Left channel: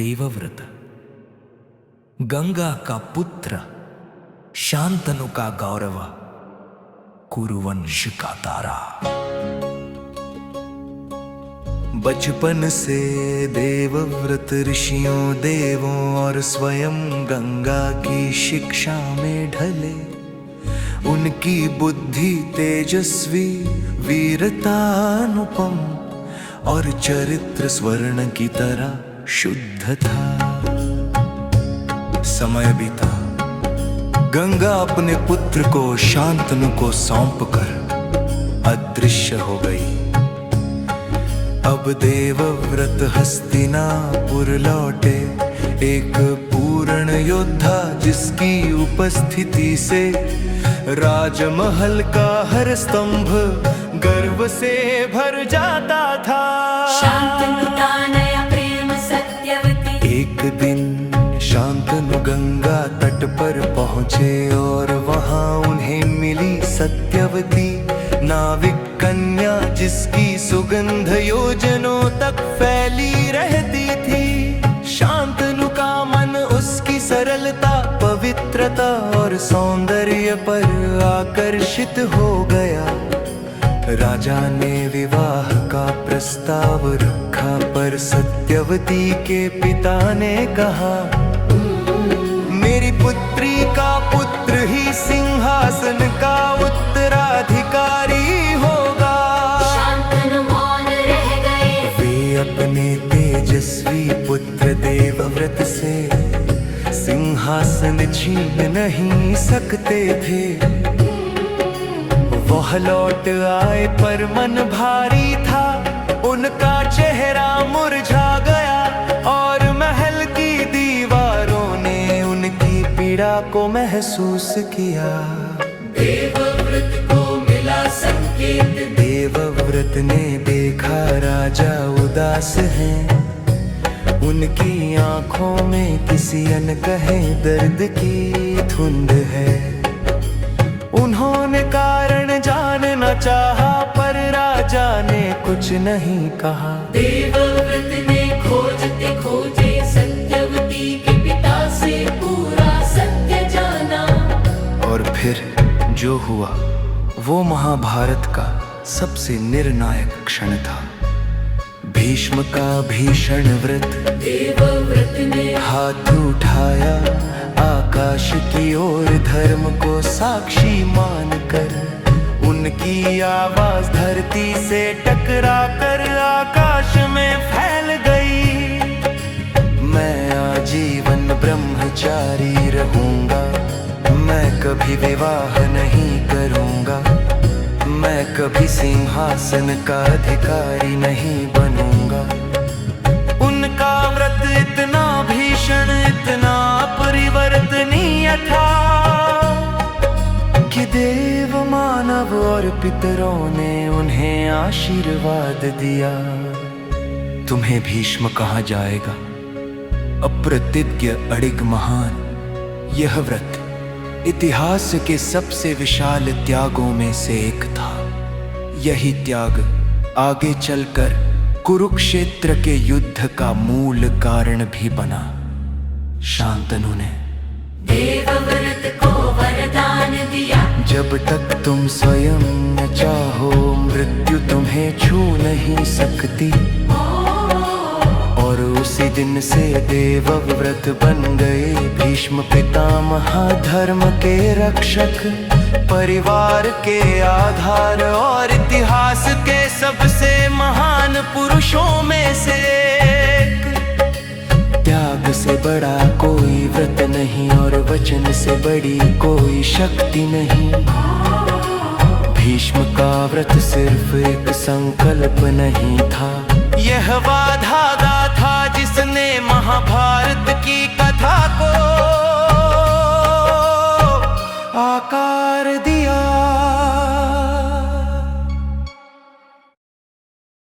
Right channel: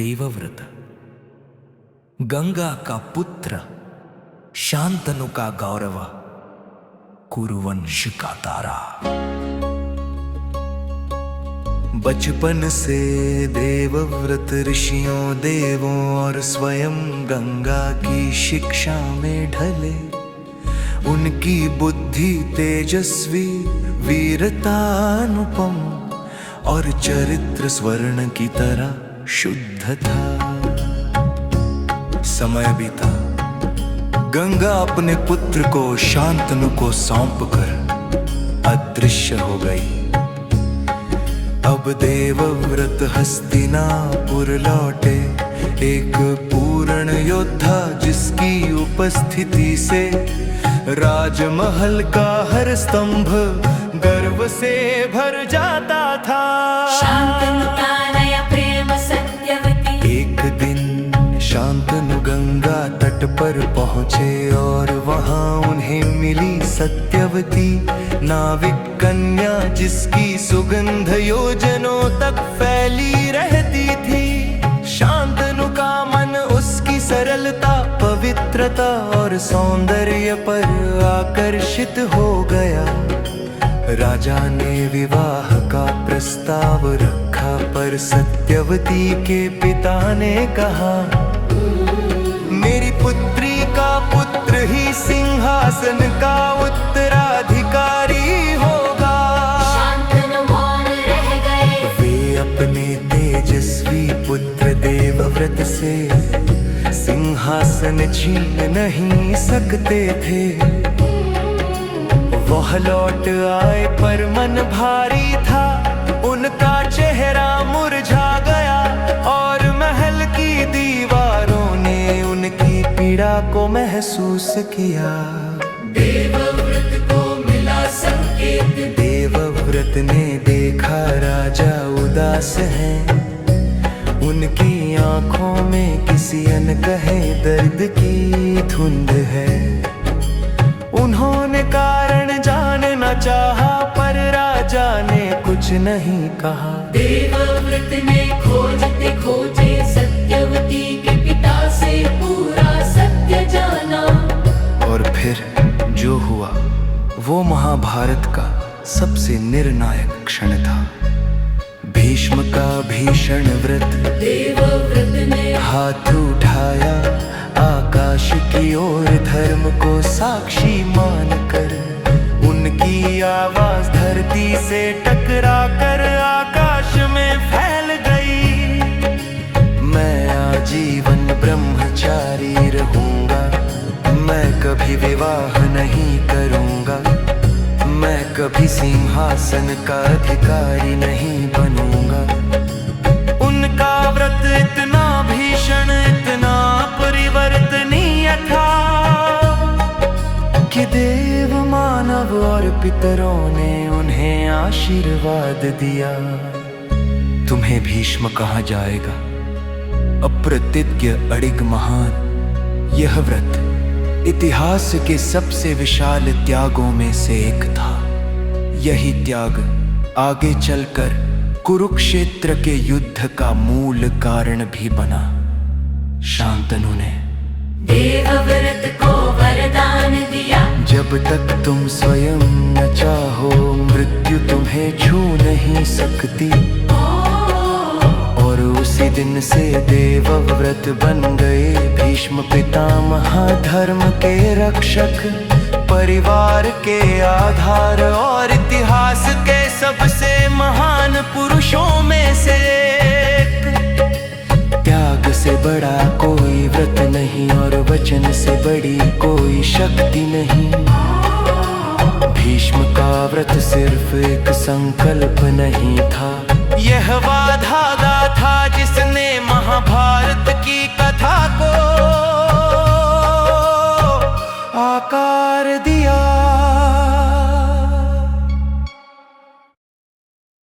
देवव्रत। गंगा का पुत्र, शांतनु का गौरव, कुरुवंश का तारा। बचपन से देवव्रत ऋषियों देवों और स्वयं गंगा की शिक्षा में ढले। उनकी बुद्धि तेजस्वी, वीरता अनुपम और चरित्र स्वर्ण की तरह शुद्ध था। समय बीता, गंगा अपने पुत्र को शांतनु को सौंपकर अदृश्य हो गई। अब देवव्रत हस्तिनापुर लौटे, एक पूर्ण योद्धा जिसकी उपस्थिति से राजमहल का हर स्तंभ गर्व से भर जाता था। शांतनु का नया प्रेम सत्यवती। एक दिन शांतनु गंगा तट पर पहुँचे और वहाँ उन्हें मिली सत्यवती, नाविक कन्या जिसकी सुगंध योजनों तक फैली रहती थी। शांतनु का मन उसकी सरलता, पवित्रता और सौंदर्य पर आकर्षित हो गया। राजा ने विवाह का प्रस्ताव रखा, पर सत्यवती के पिता ने कहा, मेरी पुत्री का पुत्र ही सिंहासन का उत्तराधिकारी होगा। शांतनु मौन रह गए। वे अपने तेजस्वी पुत्र देवव्रत से सिंहासन छीन नहीं सकते थे। वह लौट आए पर मन भारी था, उनका चेहरा मुरझा गया और महल की दीवारों ने उनकी पीड़ा को महसूस किया। देवव्रत को मिला संकेत। देवव्रत ने देखा राजा उदास हैं, उनकी आंखों में किसी अनकहे दर्द की धुंध है। उन्होंने कारण जानना चाहा, पर राजा ने कुछ नहीं कहा। देवव्रत ने खोजते खोजे सत्यवती के पिता से पूरा सत्य जाना। और फिर जो हुआ वो महाभारत का सबसे निर्णायक क्षण था। भीष्म का भीषण व्रत। देवव्रत ने हाथ उठाया आकाश की ओर, धर्म को साक्षी मानकर उनकी आवाज धरती से टकरा कर आकाश में फैल गई। मैं आजीवन ब्रह्मचारी रहूंगा, मैं कभी विवाह नहीं करूंगा, मैं कभी सिंहासन का अधिकारी नहीं बनूंगा। उनका व्रत इतना भीषण, इतना परिवर्तनीय था कि देव, मानव और पितरों ने उन्हें आशीर्वाद दिया। तुम्हें भीष्म कहा जाएगा, अप्रतिज्ञ, अडिग, महान। यह व्रत इतिहास के सबसे विशाल त्यागों में से एक था। यही त्याग आगे चलकर कुरुक्षेत्र के युद्ध का मूल कारण भी बना। शांतनु ने देवव्रत को वरदान दिया, जब तक तुम स्वयं न चाहो मृत्यु तुम्हें छू नहीं सकती। और उसी दिन से देवव्रत बन गए भीष्म पितामह, धर्म के रक्षक, परिवार के आधार और इतिहास के सबसे महान पुरुषों में से एक। त्याग से बड़ा कोई व्रत नहीं और वचन से बड़ी कोई शक्ति नहीं। भीष्म का व्रत सिर्फ एक संकल्प नहीं था, यह वाधागा था जिसने महाभारत की कथा को आकार दिया।